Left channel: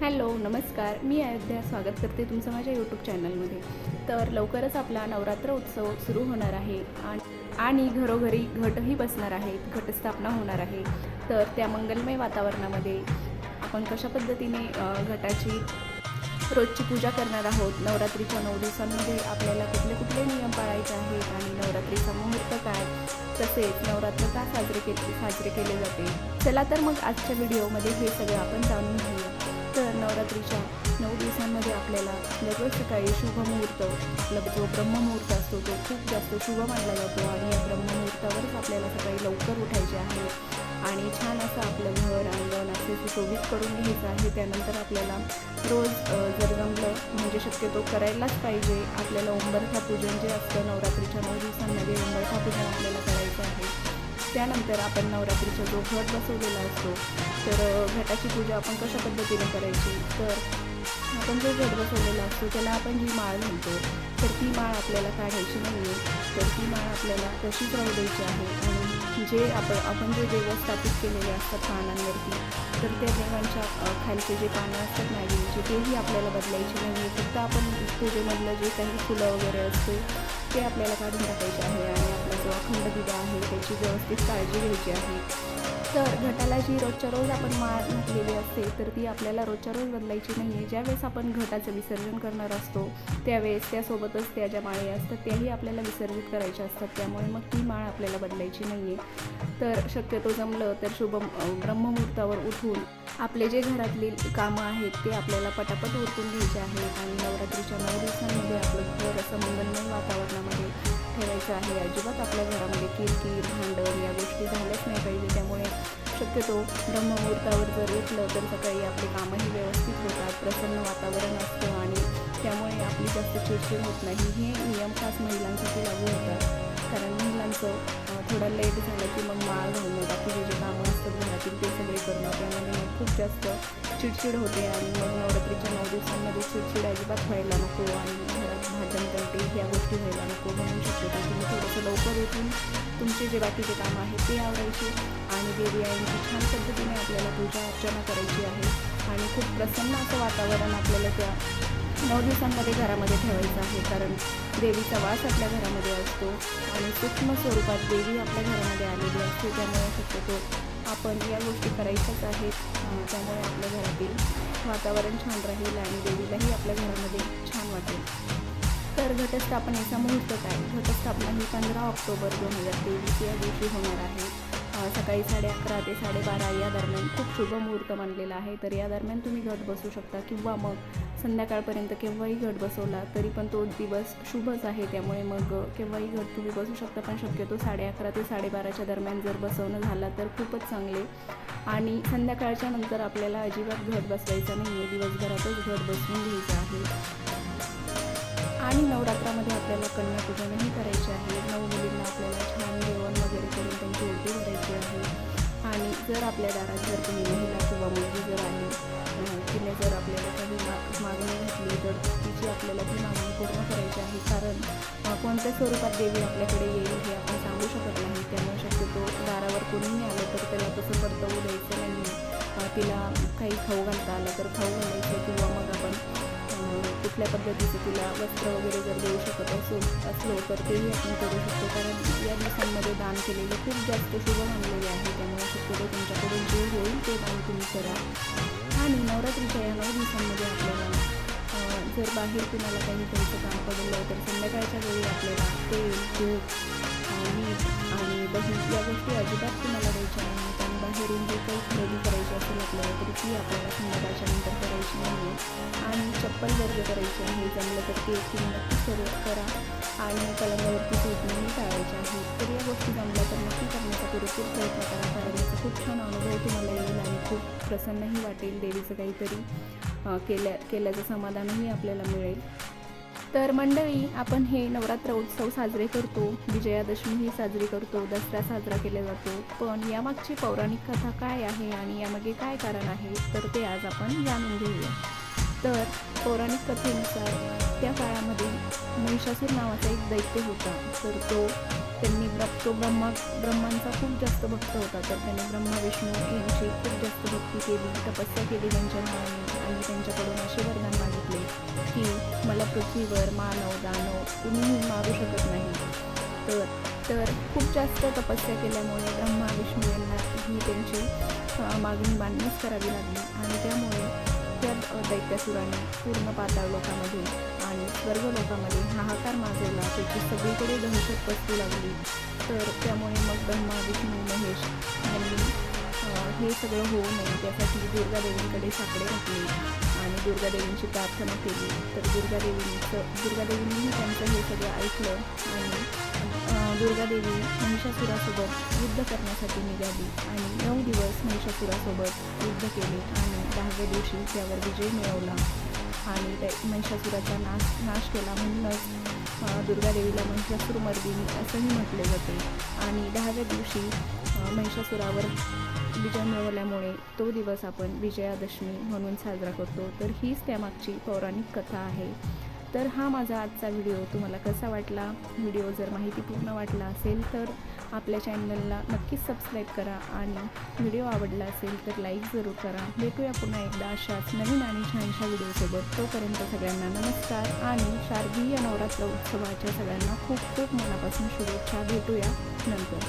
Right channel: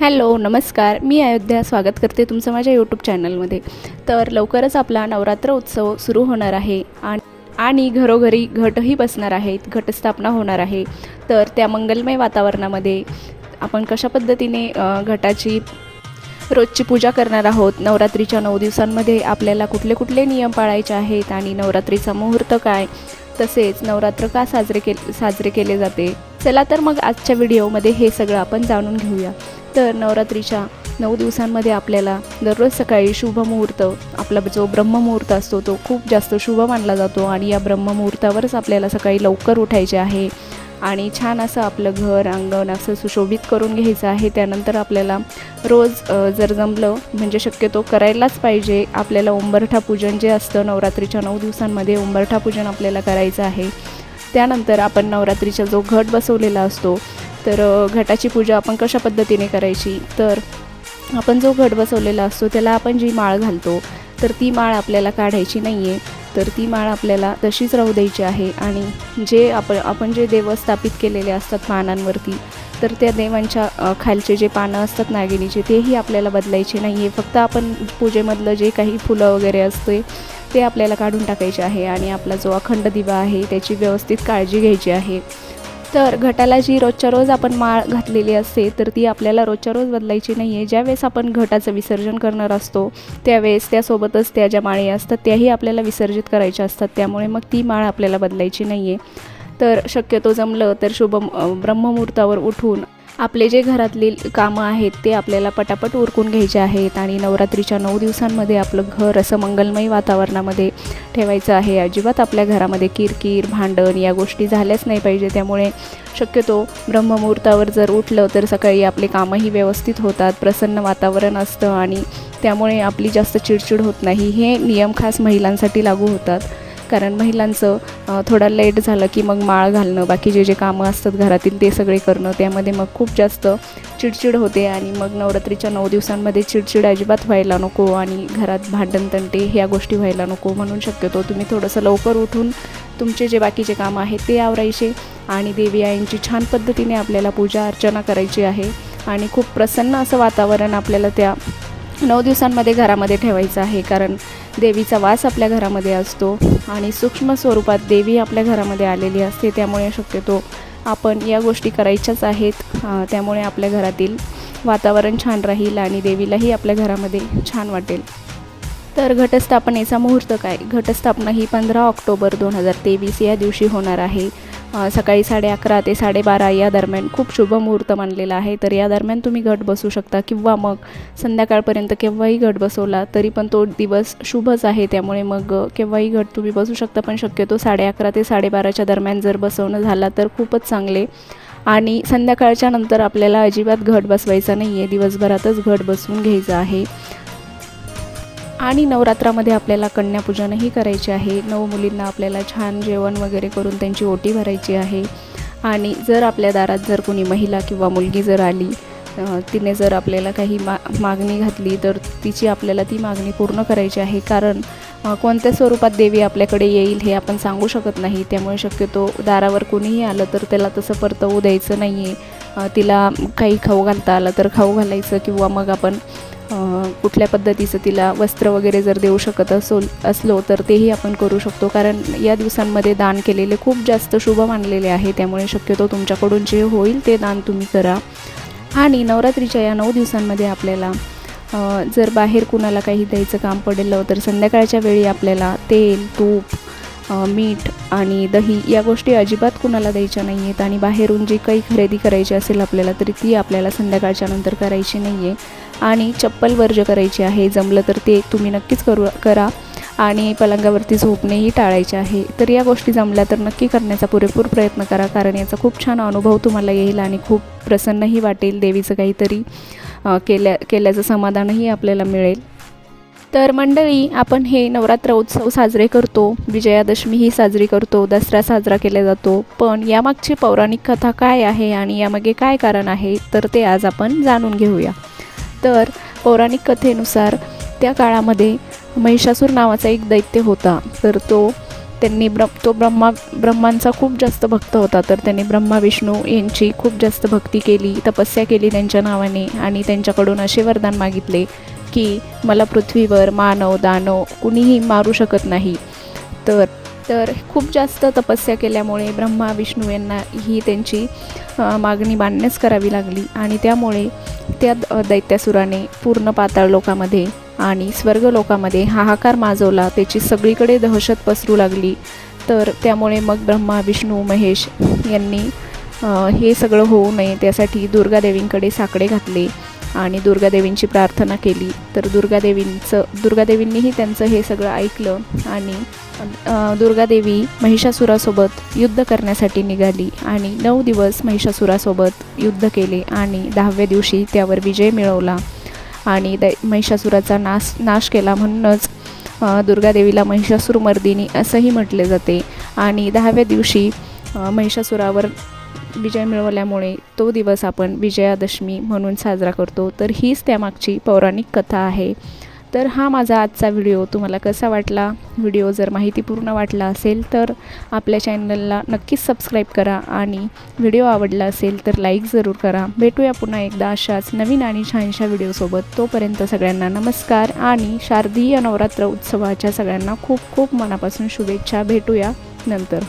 Hello नमस्कार, मी अयोध्या स्वागत करते तुमचं माझ्या यूट्यूब चॅनलमध्ये. तर लवकरच आपला नवरात्र उत्सव सुरू होणार आहे आणि घरोघरी घटही बसणार आहेत, घटस्थापना होणार आहे. तर त्या मंगलमय वातावरणामध्ये आपण कशा पद्धतीने घटाची रोजची पूजा करणार आहोत, नवरात्रीच्या 9 दिवसांमध्ये आपल्याला कुठले कुठले नियम पाळायचे आहेत आणि नवरात्रीचा मुहूर्त काय, तसेच नवरात्र का साजरे केले जाते. चला तर मग आजच्या व्हिडिओमध्ये हे सगळं आपण जाणून घेऊया. तर नवरात्रीच्या 9 दिवसांमध्ये आपल्याला दररोज सकाळी शुभमुहूर्त, आपला जो ब्रह्ममुहूर्त असतो तो खूप जास्त शुभ मानला जातो आणि या ब्रह्ममुहूर्तावरच आपल्याला सकाळी लवकर उठायचे आहे आणि छान असं आपलं घर अंगण असं सुशोभित करून घ्यायचं आहे. त्यानंतर आपल्याला रोज जर जमलं म्हणजे शक्यतो करायलाच पाहिजे, आपल्याला उंबरठा पूजन जे असतं नवरात्रीच्या 9 दिवसांमध्ये उंबरठा पूजन आपल्याला करायचं आहे. त्यानंतर आपण नवरात्रीचा जो घट बसवलेला असतो, तर घटाची पूजा आपण कशा पद्धतीने करायची, तर आपण जो घट बसवलेला असतो त्याला आपण जी माळ घालतो तर ती माळ आपल्याला काढायची नाही आहे. तर ती माळ आपल्याला तशीच राहू द्यायची आहे आणि जे आपण जे देव स्थापित केलेले असतात पानांवरती, तर त्या देवांच्या खालचे जे पानं असतात नागिनीचे तेही आपल्याला बदलायचे नाही आहे. फक्त आपण पूजेमधलं जे काही फुलं वगैरे असते ते आपल्याला काढून टाकायचे आहे आणि आपला जो अखंड दिवा आहे त्याची व्यवस्थित काळजी घ्यायची आहे. तर घटाला जी रोजच्या रोज आपण माळ घातलेली असते तर ती आपल्याला रोजच्या रोज बदलायची नाही आहे. ज्यावेळेस आपण घटाचं विसर्जन करणार असतो त्यावेळेस त्यासोबतच त्या ज्या माळी असतात त्याही आपल्याला विसर्जित करायच्या असतात, त्यामुळे मग ती माळ आपल्याला बदलायची नाही आहे. तर शक्यतो जमलं तर ब्रह्ममुहूर्तावर उठून आपले जे घरातली कामं आहेत ते आपल्याला पटापट उरकून घ्यायचे आहेत आणि नवरात्रीच्या 9 दिवसांमध्ये आपलं घर असं मंगलमय वातावरणामध्ये ठेवायचं आहे. अजिबात आपल्या घरामध्ये किरकिर भांडण या गोष्टी झाल्याच नाही पाहिजे. त्यामुळे शक्यतो ब्रह्ममुहूर्तावर जर उठलं तर सकाळी आपले कामंही व्यवस्थित होतात, प्रसन्न वातावरण असतं आणि त्यामुळे आपली जास्त चिडचिड होत नाही. हे नियम खास महिलांसाठी लागू होतात, कारण महिलांचं थोडा लेट झालं की मग माळ घालणं, बाकी जे कामं असतात घरातील ते सगळे करणं, त्यामध्ये मग खूप जास्त चिडचिड होते आणि मग नवरात्रीच्या 9 दिवसांमध्ये चिडचिड अजिबात व्हायला नको आणि घरात भांडणतंटे ह्या गोष्टी व्हायला नको. म्हणून शक्यतो तुम्ही थोडंसं लवकर उठून तुमचे जे बाकीचे कामं आहेत ते आवरायचे आणि देवी आईंची छान पद्धतीने आपल्याला पूजा अर्चना करायची आहे आणि खूप प्रसन्न असं वातावरण आपल्याला त्या 9 दिवसांमध्ये घरामध्ये ठेवायचं आहे. कारण देवीचा वास आपल्या घरामध्ये असतो आणि सूक्ष्म स्वरूपात देवी आपल्या घरामध्ये आलेली असते, त्यामुळे शक्यतो आपण या गोष्टी करायच्याच आहेत. त्यामुळे आपल्या घरातील वातावरण छान राहील आणि देवीलाही आपल्या घरामध्ये छान वाटेल. तर घटस्थापनेचा मुहूर्त काय, घटस्थापना ही 15 ऑक्टोबर 2023 या दिवशी होणार आहे. सकाळी 11:30 ते 12:30 या दरम्यान खूप शुभ मुहूर्त मानलेला आहे. तर या दरम्यान तुम्ही घट बसवू शकता किंवा मग संध्याकाळपर्यंत केव्हाही घट बसवला तरी पण तो दिवस शुभच आहे. त्यामुळे मग केव्हाही घट तुम्ही बसवू शकता, पण शक्यतो 11:30 ते 12:30च्या दरम्यान जर बसवणं झाला तर खूपच चांगले. आणि संध्याकाळच्या नंतर आपल्याला अजिबात घट बसवायचा नाही आहे, दिवसभरातच घट बसवून घ्यायचं आहे. आणि नवरात्रामध्ये आपल्याला कन्यापूजनही करायचे आहे. 9 मुलींना आपल्याला छान जेवण वगैरे करून त्यांची ओटी भरायची आहे आणि जर आपल्या दारात जर कोणी महिला किंवा मुलगी जर आली, तिने जर आपल्याला काही मागणी घातली तर तिची आपल्याला ती मागणी पूर्ण करायची आहे. कारण कोणत्या स्वरूपात देवी आपल्याकडे येईल हे आपण सांगू शकत नाही, त्यामुळे शक्यतो दारावर कोणीही आलं तर त्याला तसं परतवू द्यायचं नाही आहे. तिला काही खाऊ घालता आलं तर खाऊ घालायचं किंवा मग आपण कुठल्या पद्धतीचं तिला वस्त्र वगैरे जर देऊ शकत असलो तर तेही आपण करू शकतो. कारण या दिवसांमध्ये दान केलेले खूप जास्त शुभ मानलेले आहे, त्यामुळे शक्यतो तुमच्याकडून जे होईल ते दान तुम्ही करा. आणि नवरात्रीच्या या 9 दिवसांमध्ये आपल्याला जर बाहेर कुणाला काही द्यायचं काम पडलं तर संध्याकाळच्या वेळी आपल्याला तेल, तूप, मीठ आणि दही या गोष्टी अजिबात कुणाला द्यायच्या नाही आहेत. आणि बाहेरून जी काही खरेदी करायची असेल आपल्याला तरी ती आपल्याला संध्याकाळच्या नंतर करायची नाही आहे. आणि चप्पल वर्ज्य करायची आहे, जमलं तर ते तुम्ही नक्कीच करा. आणि पलंगावरती झोपणेही टाळायचे आहे. तर या गोष्टी जमल्या तर नक्की करण्याचा पुरेपूर प्रयत्न करा, कारण याचा खूप छान अनुभव तुम्हाला येईल आणि खूप प्रसन्नही वाटेल. देवीचं काहीतरी केल्याचं समाधानही आपल्याला मिळेल. तर मंडळी, आपण हे नवरात्र उत्सव साजरे करतो, विजयादशमीही साजरी करतो, दसरा साजरा केला जातो, पण यामागची पौराणिक कथा काय आहे आणि यामागे काय कारण आहे तर ते आज आपण जाणून घेऊया. तर पौराणिक कथेनुसार त्या काळामध्ये महिषासूर नावाचा एक दैत्य होता. तर तो त्यांनी ब्रह्मांचा खूप जास्त भक्त होता, तर त्यांनी ब्रह्मा विष्णू यांची खूप जास्त भक्ती केली, तपस्या केली त्यांच्या नावाने आणि त्यांच्याकडून असे वरदान मागितले की मला पृथ्वीवर मानव दानव कुणीही मारू शकत नाही. तर खूप जास्त तपस्या केल्यामुळे ब्रह्मा विष्णू यांना ही त्यांची मागणी मान्यच करावी लागली आणि त्यामुळे त्या दैत्यासुराने पूर्ण पाताळ लोकामध्ये आणि स्वर्ग लोकामध्ये हाहाकार माजवला. त्याची सगळीकडे दहशत पसरू लागली. तर त्यामुळे मग ब्रह्मा विष्णू महेश यांनी हे सगळं होऊ नये त्यासाठी दुर्गादेवींकडे साकडे घातले आणि दुर्गादेवींची प्रार्थना केली. तर दुर्गादेवींनीही त्यांचं हे सगळं ऐकलं आणि दुर्गादेवी महिषासुरासोबत युद्ध करण्यासाठी निघाली आणि 9 दिवस महिषासुरासोबत युद्ध केले आणि 10व्या दिवशी त्यावर विजय मिळवला आणि महिषासुराचा नाश केला. म्हणूनच दुर्गादेवीला महिषासुरमर्दिनी असंही म्हटले जाते आणि 10व्या दिवशी महिषासुरावर विजय मिळवल्यामुळे तो दिवस आपण विजयादशमी म्हणून साजरा करतो. तर हीच त्यामागची पौराणिक कथा आहे. तर हा माझा आजचा व्हिडिओ तुम्हाला कसा वाटला? व्हिडिओ जर माहितीपूर्ण वाटला असेल तर आपल्या चॅनलला नक्कीच सबस्क्राईब करा आणि व्हिडिओ आवडला असेल तर लाईक जरूर करा. भेटूया पुन्हा एकदा अशाच नवीन आणि छानशा व्हिडिओसोबत. तोपर्यंत सगळ्यांना नमस्कार आणि शारदीय नवरात्र उत्सवाच्या सगळ्यांना खूप खूप मनापासून शुभेच्छा. भेटूया नंतर.